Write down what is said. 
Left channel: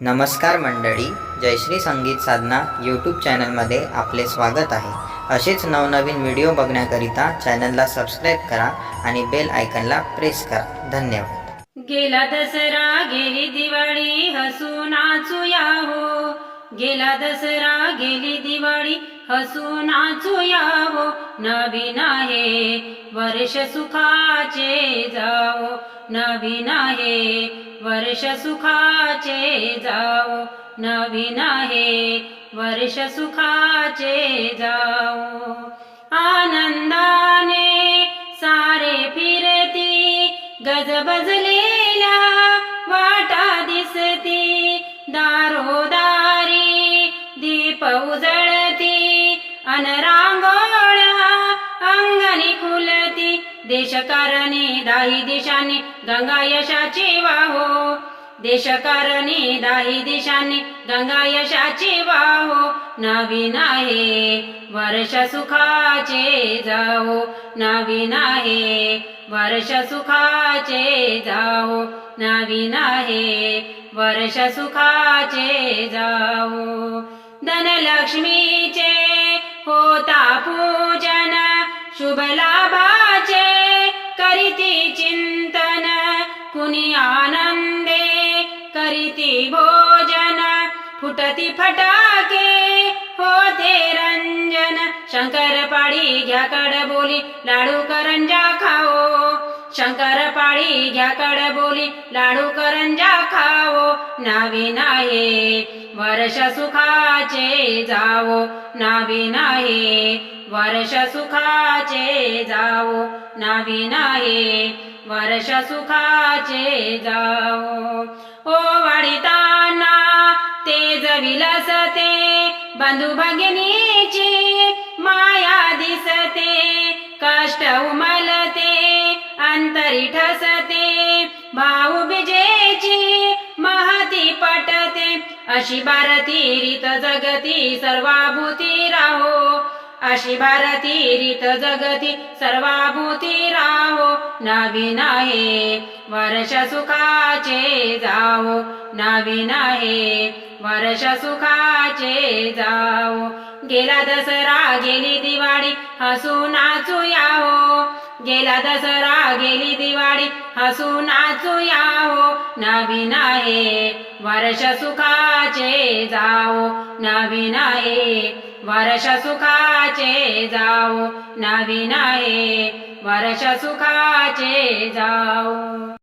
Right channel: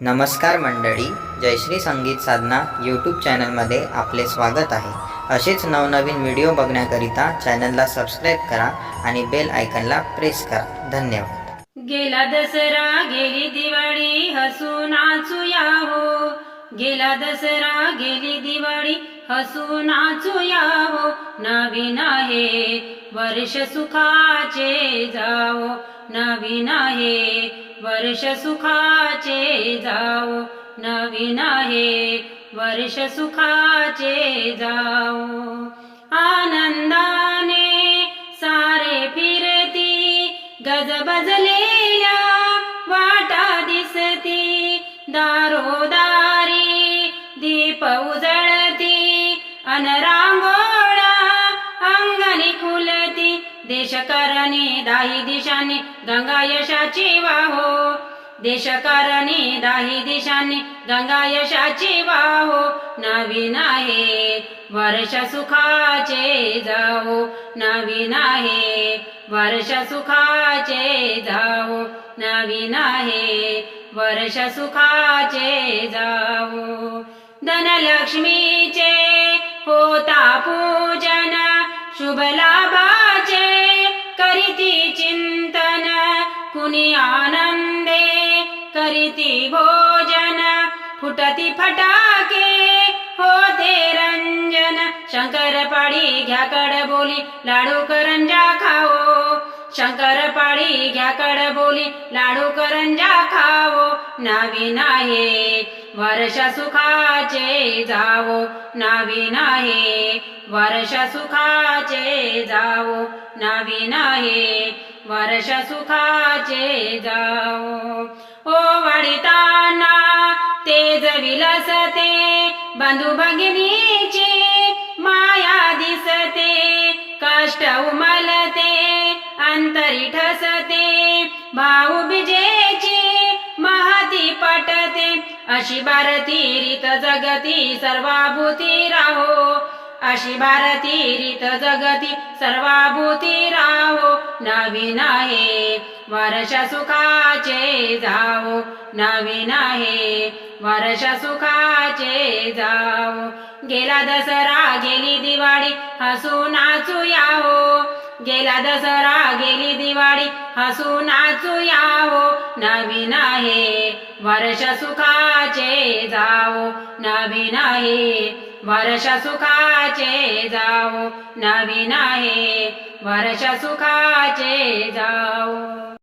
नमस्कार मंडळी जयश्री संगीत साधना यूट्यूब चॅनलमध्ये आपले स्वागत आहे. असेच नवनवीन व्हिडिओ बघण्याकरिता चॅनलला सबस्क्राईब करा आणि बेल आयकनला प्रेस करा. धन्यवाद. गेला दसरा गेली दिवाळी हसू नाचूया हो. गेला दसरा गेली दिवाळी हसू नाचूया हो. नवीन आहे वर्ष सुखाचे जाओ नवीन आहे वर्ष सुखाचे जाओ नवीन आहे. वर्ष सुखाचे जाओ आनंदाने सारे फिरती. गजबजलेल्या वाटा दिसती. दारोदारी दीप उजळती. अन रांगोळ्या अंगणी खुलती देशकारणी दाही दिशांनी गंगा यशाची वाहो. देशकारणी दाही दिशांनी गंगा यशाची वाहो. नवीन आहे वर्ष सुखाचे जाओ नवीन आहे वर्ष सुखाचे जाओ नवीन आहे वर्ष सुखाचे जाओ धनलक्ष्मीचे होता पूजन. शुभ लाभाचे करीती चिंतन कुणी आनंदे करीती भोजन फुटती फटाके होते रंजन शंकर पाडी घ्या कड बोली लाडू करंजा खाओ शंकर पाळी घ्या कड बोली लाडू करंजा खावो नावी आहे वर्ष सुखाचे जावो नावी आहे वर्ष सुखाचे जावो नावी आहे वर्ष सुखाचे जावो. ओ वाढिताना तेज विलसते बंधू भगिनीची माया दिसते कष्ट उमलते अंतरी ठसते भाऊ बिजेची महती पटते अशी भारती रीत जगती सर्वाभूती राहो. अशी भारती रीत जगती सर्वाभूती राहो. नवीन आहे वर्ष सुखाचे जाओ नवीन आहे वर्ष सुखाचे जाओ गेला दसरा गेली दिवाळी हसू नाचू हो गेला दसरा गेली दिवाळी हसू नाचूया हो नवीन आहे वर्ष सुखाचे जाओ नवीन आहे वर्ष सुखाचे जाओ नवीन आहे वर्ष सुखाचे जाओ